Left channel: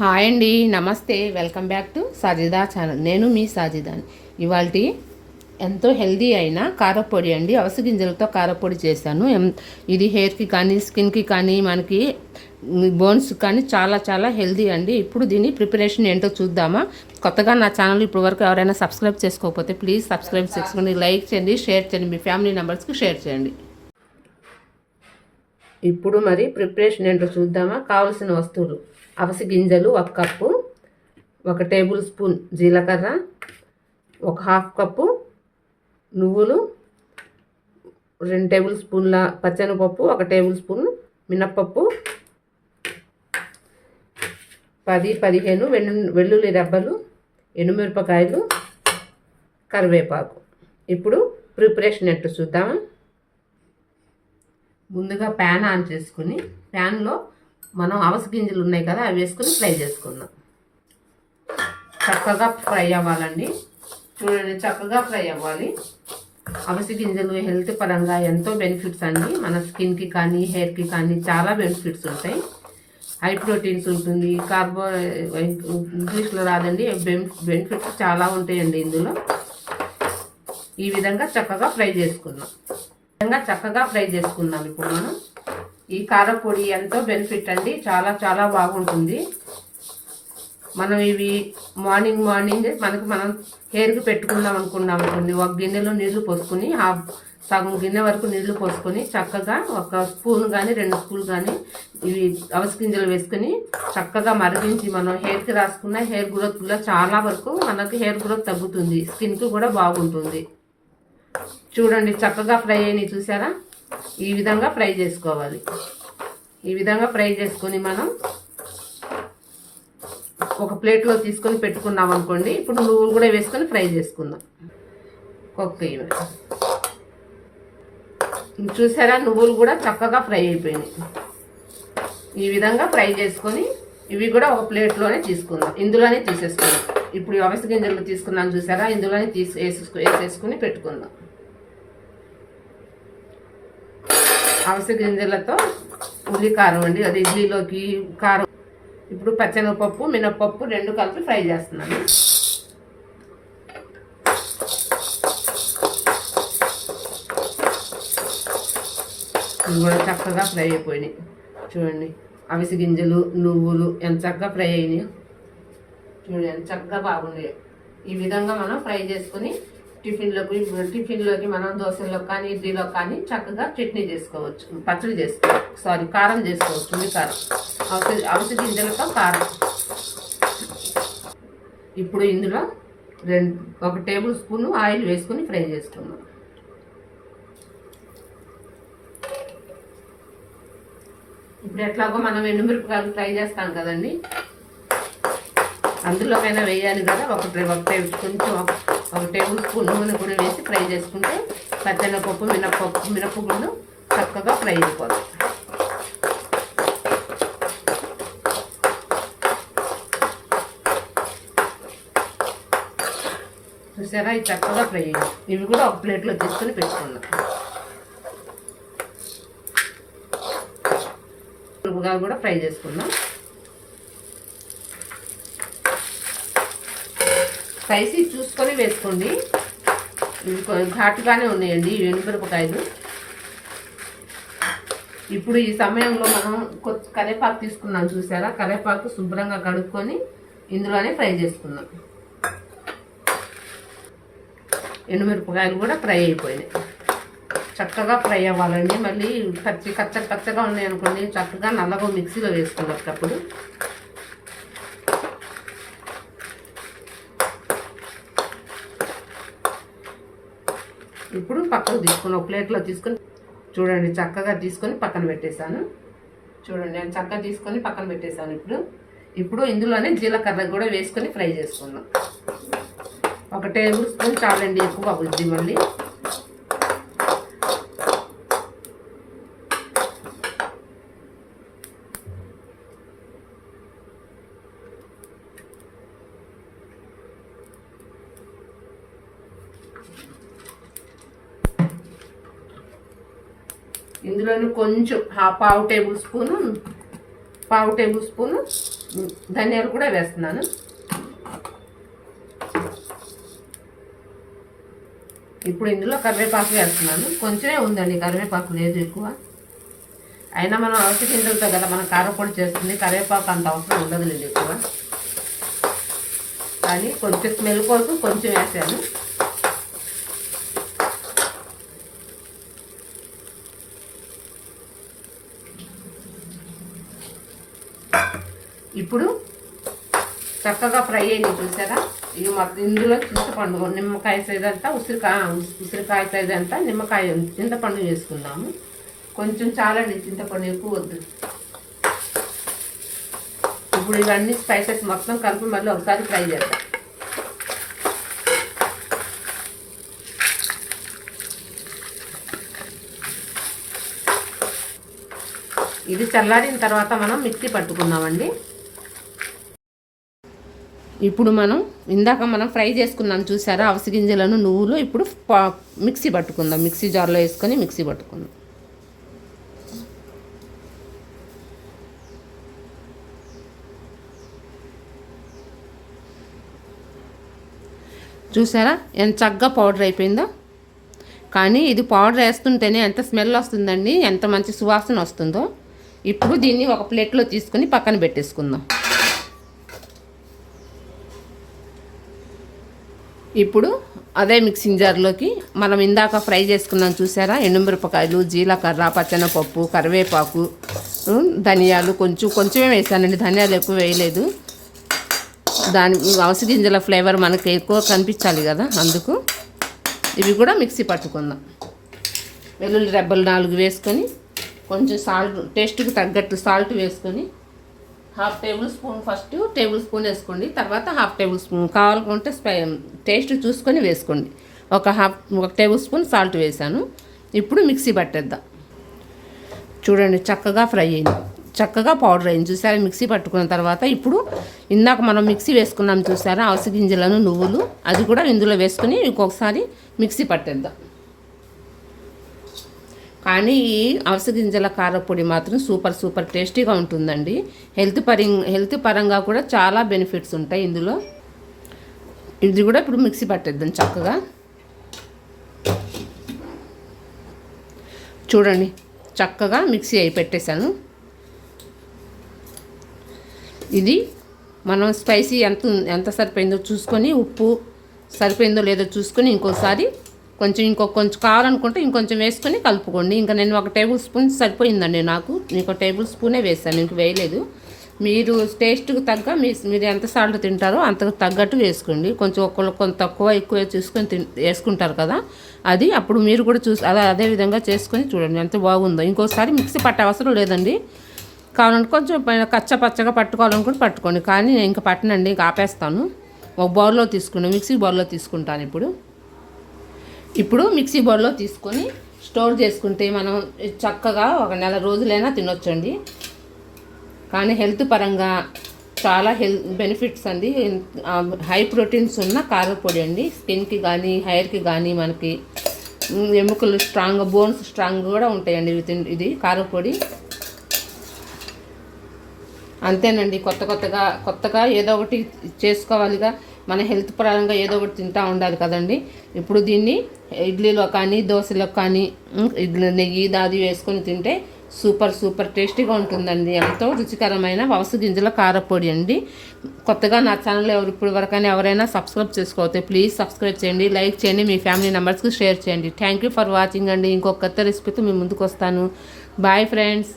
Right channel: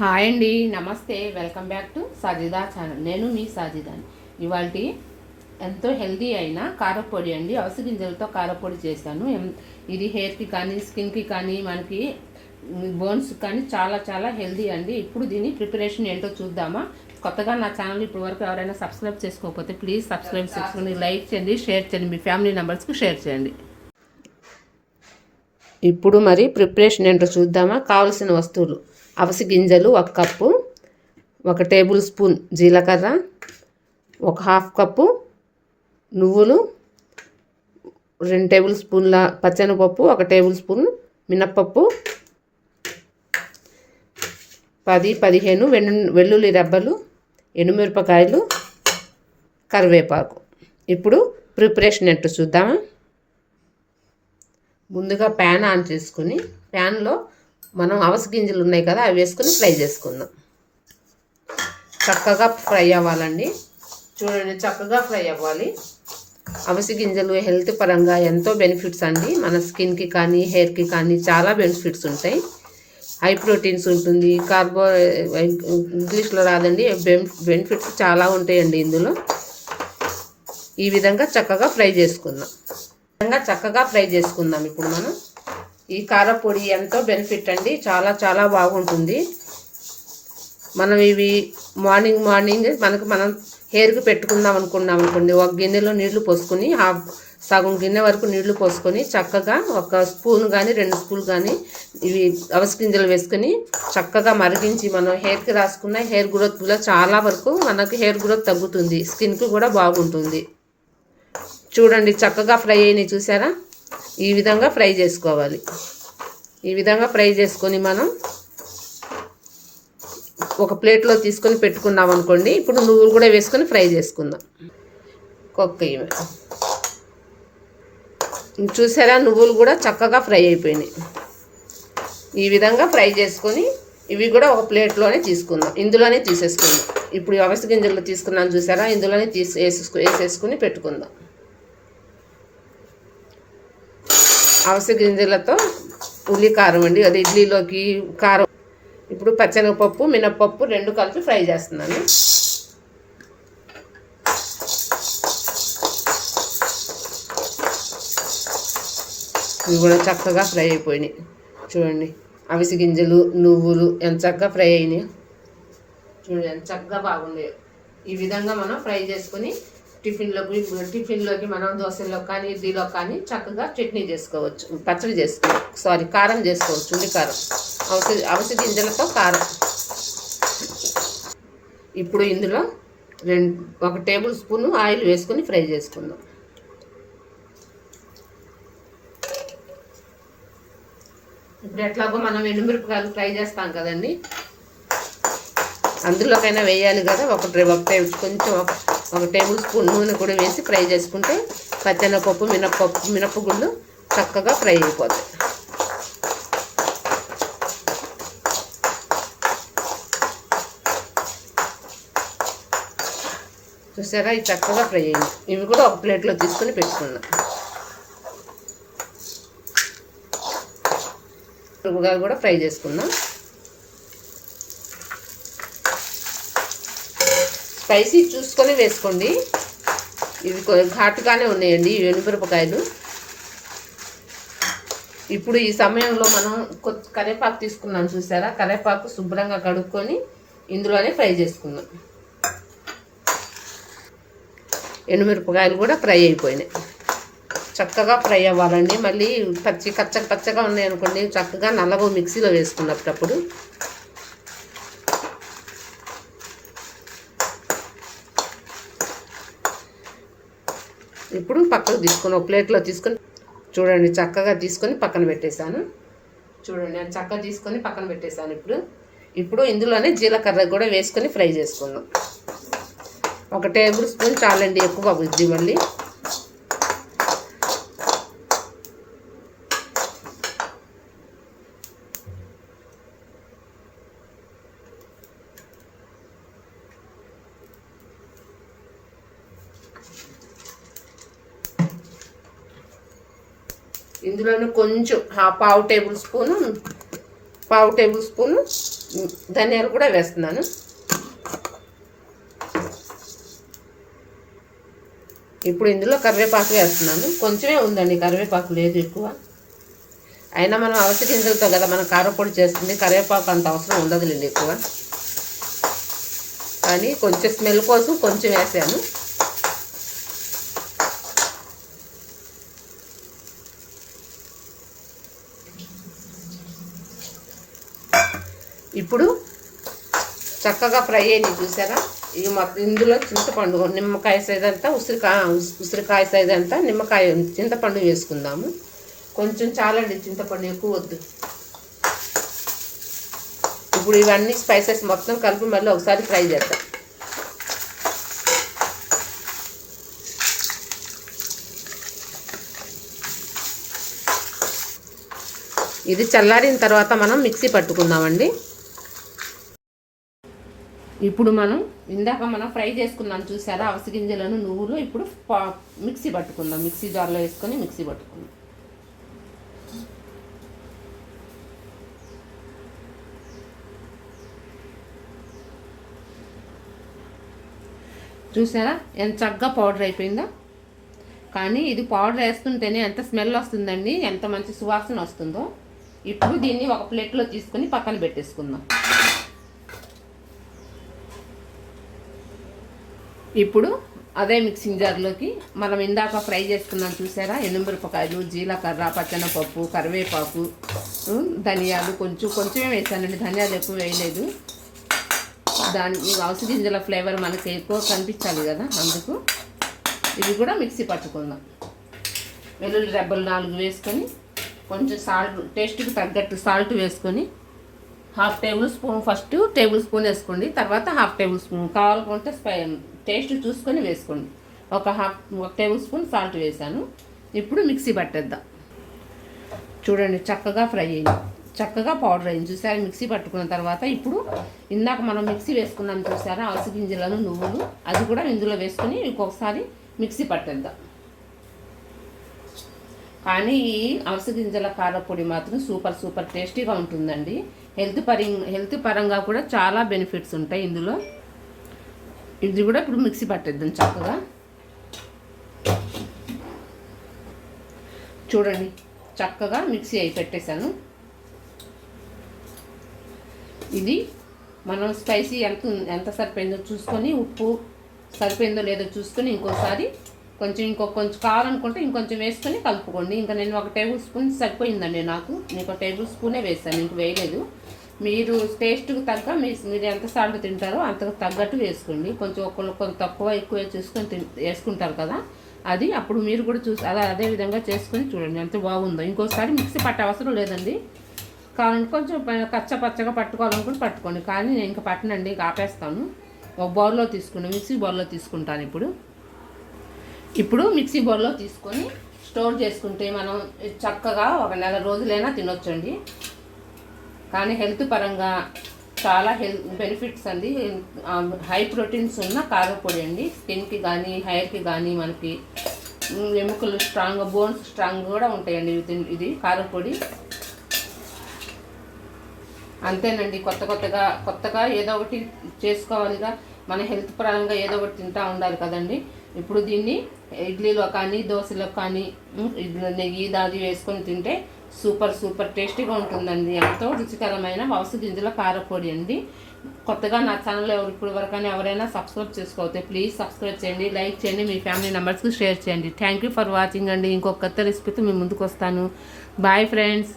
Hi అండి నమస్తే welcome back to Sajida channel. నేను మీ సాజిదాని. ఇవాళ ఎంతో హెల్దీ అయిన కారపొడి అండి. అవస గింజలతో కారపొడి చేశాను. ఎం- ఇది హెయిర్కి కానీ స్కిన్కి కానీ మనకి బోన్స్ కానీ చాలా చాలా హెల్దీ అండి. ఇప్పుడు దీని ప్రిపరేషన్ ఏంటో చూద్దామా? కొత్తగా నా ఛానల్ ఇప్పుడు వరకు ఎవరైనా సబ్స్క్రైబ్ చేసుకోకపోతే ప్లీజ్ సబ్స్క్రైబ్ చేసుకోండి లైక్ చేయండి షేర్ చేయండి. మీ ఫ్యామిలీ మెంబర్స్కి షేర్ చేయండి. ఇప్పుడు మరి ప్రిపరేషన్ ఏంటో చూద్దామా? కావలసిన వస్తువులు. అవసి గింజలు ఒక కప్పు ఒక టేబుల్ స్పూన్ జీలకర్ర ఒక హాఫ్ కప్పు నువ్వులు రెండు టేబుల్ స్పూన్ల పచ్చనిపప్పు ఒక టేబుల్ స్పూన్ మినప్పప్పు పది పదిహేను వెన్ను వెల్లుల్లి రెబ్బలు ఎండుమిరపకాయలు కరివేపాకు. ఇప్పుడు ప్రిపరేషన్ ఎట్టు చూద్దామా? ముందుగా ప్యాన్ ఆన్ చేసుకుని ప్యాన్లో మనం అవస గింజలు ఉన్నాయి కదా అవి వేసుకుని ఫ్రై చేసుకుందాం. చక్కగా ఫ్రై అవ్వాలండి. చూడండి చక్కగా ఫ్రై అవ్వాలి. అవసి గింజలు హెల్త్ పరంగా ఎంతో బెనిఫిట్స్ అండి. మన స్కిన్కి కానీ హెయిర్కి కానీ చాలా బెనిఫిట్స్ ఉంటాయి. హై ప్రోటీన్స్ ఉంటుంది కార్బో ఇంగ్లీష్లో రాదండి బెనిఫిట్స్ చాలా ఉంటాయండి ఇందులో. ఈ విధంగా చక్కగా ఫ్రై చేసుకుందాం. విధంగా చక్కగా ఫ్రై చేసుకుందాం. ఇప్పుడు మనం ఈ కారపొడి ఎంతో బెనిఫిట్ అండి. చాలా చాలా బాగుంటుంది. మనం ఇవి మార్నింగ్ మార్నింగ్ మనకు మనం హెయిర్కి పెట్టుకుందాం అనుకున్నాం అనుకోండి. ఒక గిన్నెలో నీళ్ళు పోసుకొని హాఫ్ సగం గిన్నె వరకు నీళ్ళు పోసుకొని చక్కగా ఒక స్పూన్ కానీ రెండు స్పూన్ కానీ ఇవి అవస గింజలు వేసుకొని చక్కగా మరిగించి మనం హెయిర్కి రాసుకున్న హెయిర్ గ్రోత్లో చాలా వరకు మనకు హెయిర్ గ్రోత్ తగ్గుతుంది. స్కిన్కి కూడా బాగుంటుంది. చూడండి చక్కగా ఫ్రై అయినాయి చూసారా? ఈ విధంగా ఫ్రై చేసుకోవాలి. ఈ విధంగా ఫ్రై చేసుకొని మనం ఒక ప్లేట్లో తీసుకొని పెట్టుకున్నాం అనుకోండి ఇప్పుడు నువ్వులు కూడా వేసుకొని ఫ్రై చేసుకుందాం. కుక్క ఇవి చూసారా నువ్వులు కూడా చక్కగా ఫ్రై అయిపోయినాయి. ఈ విధంగా ఫ్రై చేసుకొని ఇవి కూడా ఒక ప్లేట్లోనే తీసుకుందాం. ఇందులోనే తీసేసుకుందాం. ఇప్పుడు అవసర గింజలు తీసుకున్నాను చూసారా ఇందులోనే తీసి వేసేసుకు వేసేసుకుని పెట్టుకుందాం. అవస గింజలతో ఉల్లి కారం అండి. అది ఇడ్లీలోకి కారం. ఇప్పుడు పచ్చనగపప్పు మినప్పప్పు రెండు కలిపి ఫ్రై చేస్తున్నాను. ఇవి కూడా చక్కగా ఫ్రై అయిపోయినాయి. చూడండి. అవిసి గింజలు నువ్వులు ఎంత చక్కగా ఫ్రై అయినాయి. చూడండి ఎంత చక్కగా బాగున్నాయో. ఈ విధంగా మనం ఫ్రై చేసుకుని టిఫిన్లోకి టిఫిన్లోకి మనం దోశల్లో కానీ ఇడ్లీలో కానీ చక్కగా చట్నీ చేసుకోవచ్చు పచ్చడి చేసుకోవచ్చు. సారీ కారం చేసుకోవచ్చు ఉల్లి కారం. ఔషధ అవసి గింజలతో కారం. ఇప్పుడు ఇందులో రెండు ఒక టేబుల్ స్పూన్ ఆయిల్ వేసుకుని ఫ్రై చేసుకుందాం. ఇప్పుడు ఎట్లాగో మనం ఎండుమిరపకాయలు ఫ్రై చేస్తాం కదండి. అందులోకైనా వేయాలి కదా ఒక టే- ఒక టేబుల్ కొంచెం ఒక- ఒక టేబుల్ స్పూన్ నూనె కూడా వేసి ఫ్రై చేసుకుంటే పచ్చనపప్పు మినప్పప్పు మినప్పగుళ్ళు చక్కగా ఫ్రై అయిపోతాయి. చూసారా? ఇవి చక్కగా ఫ్రై అయ్యింది ఇవి కూడా ఒక ప్లేట్లో తీసుకొని పెట్టుకున్నాం. కూడా ఫ్రై చేసుకుందాం. స్పైసీ చూసుకొని వేసుకోండి. ఇవి ఘాటుగానే ఉన్నాయండి ఈ ఎండుమిరపకాయలు ఇప్పుడు ఈ సమయంలో మనం కరివేపాకు తీసుకున్నాం చూసారా? కరివేపాకు శుభ్రంగా కడుక్కొని ఇందులోనే ఫ్రై చేసుకున్నాం ఎండుమిరపకాయలు కూడా ఫ్రై అయిపోయినాయి. చక్కగా ఫ్రై అవ్వాలండి. మళ్ళీ పచ్చి కచ్చ పచ్చగా ఉన్నాయి అనుకోండి. చక్కగా నల్లగా మిక్సీలో వేసుకున్నప్పుడు ఇప్పుడు పక్కకు తీసుకొని ఒక ప్లేట్లో తీసుకొని చూడండి చక్కగా తీసుకొని పక్కన పెట్టేశాను. చూడండి నేను చక్కగా తీసుకొని పక్కన పెట్టేశాను ఇప్పుడు. ఇప్పుడు ఇందులోనే జీలకర్ర కూడా వేసుకొని ఫ్రై చేసుకుందాం. ఒక టేబుల్ స్పూన్ చాలండి ఎక్కువ బుద్ధి మళ్ళీ. ఇందులోనే కొంచెం పావు టేబుల్ స్పూను పావు టేబుల్ స్పూను ధనియాలు కూడా వేస్తున్నాను. ఇప్పుడు ఇందులో కరివేపాకు వేస్తున్నాను. కొంచెమే ఉందండి కరివేపాకు లేదు ఎక్కువ. అయినా మనం అలసి గింజలతో కదా మనం కారపొడి చేస్తుంది కరివేపాకు అంత అవసరం ఉండదులేండి ఎక్కువ. కానీ కొంచెం స్మెల్ కోసం కొంచెం వేసాను. ఇప్పుడు చక్కగా ఫ్రై అయింది చూసారా? ఇవి మొత్తం ఇందులో చింతపండు నిమ్మకాయ సైజ్ అంతా ఉసిరికాయ ఉసిరికాయ సైజ్ అంతా నిమ్మకాయ చింతపండు వేసుకుందాము. కొంచెం చాలండి చింతపండు ఎక్కువ వద్దు. ఇప్పుడు ఇవన్నీ స్పైసెస్ మొత్తం కలిపి మళ్ళీ ఒకసారి ఫ్రై చేద్దాం. ఇది చల్లారిన తర్వాత మనం మిక్సీ పట్టుకుందామండి. ఇప్పుడు మనం ఇందాక మనం ఫ్రై చేసుకున్నాం చూసారా అవసి గింజలను నువ్వులు ఇప్పుడు మిక్సీ పట్టుకుందాం. మిక్సీ జార్లో వేసుకొని మిక్సీ పట్టుకుందాం. చూసారా ఎంత చక్కగా పౌడర్ అయిపోయిందో. కానీ ఇది పౌడర్ వేస్తుంటేనే ఎంత స్మెల్ వస్తుందండి ఎంత మంచి సువాసన వస్తుందో. ఇప్పుడు దీన్ని ఒక ప్లేట్లో తీసుకుని పక్కన పెట్టేసుకుందాం. ఇప్పుడు అదే మిక్సింగ్ జార్లోకి మనం ఇందాక ఫ్రై చేసుకున్నాం చూసారా? ఎండుమిరపకాయలు జీలకర్ర పచ్చనపప్పు కరివేపాకు ధనియాలు కొంచెం కొంచెమే వేసానండి. ధనియాలు ఎక్కువ వేయలేదు. దాని అవసర గింజల ఫ్లేవర్ మనకి ఎక్కువ కనిపించాలి కదా అందుకు ఇవి కూడా మిక్సీ పట్టుకుందాం. వెల్లుల్లి రెబ్బలు నాలుగు వేసుకొని కొంచెం సాల్ట్ టేస్ట్కి తగ్గట్టు సాల్ట్ వేసుకొని half tablespoon first tablespoon వేసుకోండి తర్వాత హాఫ్ టేబుల్ స్పూన్. కావాలనుకుంటే టేస్ట్ చూసుకొని వేసుకోండి. ఒక హాఫ్ ఒక టేబుల్ స్పూన్ సాల్ట్ వేసాను. ఇప్పుడు మిక్సీ పట్టేద్దాం. చూడండి చక్కగా ఫ్రై అయింది. చక్కగా పౌడర్ అయింది. చూసారా మిక్సీ పట్టుకున్న తర్వాత ఇప్పుడు ఇందాక మనం మిక్సీ వేసుకున్నాం చూసారా అవసి గింజలను నువ్వులు అది కూడా ఇందులో వేసుకొని ఇంకొకసారి మిక్సీ పట్టేద్దాం. కానీ ఈ అవసర గింజల కారపొడి మాత్రం సూపర్ సూపర్ టేస్టీగా ఉంటుందండి. హెల్త్ పరి హెల్త్ పరంగా కూడా చాలా బెనిఫిట్స్ ఉంటాయి ఇందులో. ఇది కూడా ఇప్పుడు మిక్సీ పట్టేద్దాం చక్కగా. చూడండి చక్కగా మిక్సీ అయి పెట్టేశాను. ఇది మనం స్పైసీ ఎంత ఎంత సరిపోయిందో చూసుకొని ఉప్పు సరిపోయిందో లేదో చూసుకొని ఇంకోసారి కొంచెం ఇంకో కొంచెం కావాలనుకుంటే ఇంకొంచెం వేసుకొని కలుపుకోండి. ఇంకా నేను ఒక టేబుల్ స్పూన్ సరిపోయిందండి నాకు. ఇంకో టేబుల్ స్పూనే వేసాను ఇంక వేయలేదు. మీరు టేస్ట్కి తగ్గ మీ మీరు ఎంత సాల్ట్ తింటారో అంతకు తగ్గట్టు వేసుకోండి. కొంచెం ఒక్కొక్క కొంత తక్కువ ఎక్కువ చూసుకొని తి వేసుకుంటారు కదా. అది అప్పుడు మీరు కూడా చూసి అదే అదే విధంగా చేసుకొని చూడండి ఎంత బాగుందో. ఇంకోసారి మిక్సీ పట్టే అవసరం లేదండి. కావాలంటే కొంచెం కచ్చ పచ్చగా పట్టుకోవాలనుకుంటే పట్టుకోండి. కానీ నేను ఇంకా పట్టనండి ఇంకా ఆపేస్తాను. ఒక బౌల్లో తీసుకుని మిక్సీ బౌల్లో తీసుకుంటాను ఇప్పుడు. ఇప్పుడు మిక్సీ బౌల్లో తీసుకొని స్టోర్ చేసుకుంటే మనం చక్కగా ఒక నెల రోజులైనా తినొచ్చండి. కానీ హెల్త్ పరంగా చాలా హెల్త్ బెనిఫిట్స్ అండి. హై ప్రోటీన్స్ ఉన్న కారపొడి అండి. స్కిన్కి కానీ హెయిర్కి కానీ మనకి ఎముకలు స్ట్రాంగ్ బోన్స్ స్ట్రాంగ్ కూడా ఉంటాయండి ఇది కారపొడి. అంతేనండి. కొత్త కొత్తగా కొత్తగా ఏదో ఒకటి చేసుకోవాలిగా. మన హెల్త్ పరంగా ఏదో ఒకటి తింటూ ఉండాలి కదండి. ఇప్పుడు దీన్ని ఇడ్లీలో కానీ దోశలో కానీ ఇడ్లీ నెయ్యి దాది వేసుకొని తింటే సూపర్ సూపర్ టేస్టీగా ఉంటుందండి. ఎంతో రుచికరమైన వలస గింజల కారపొడి అండి. కొత్తగా నా ఛానల్ ఎవరు ఇప్పుడు వరకైనా ఎవరైనా సబ్స్క్రైబ్ చేసుకోవచ్చు ప్లీజ్ సబ్స్క్రైబ్ చేయండి లైక్ చేయండి మీ ఫ్యామిలీ మెంబర్స్కి షేర్ చేయండి. థ్యాంక్ యూ ఫర్ వాచింగ్ అండి. ఇంకొక కొత్త రెసిపీతో మీ ముందుకు వస్తాను. Bye friends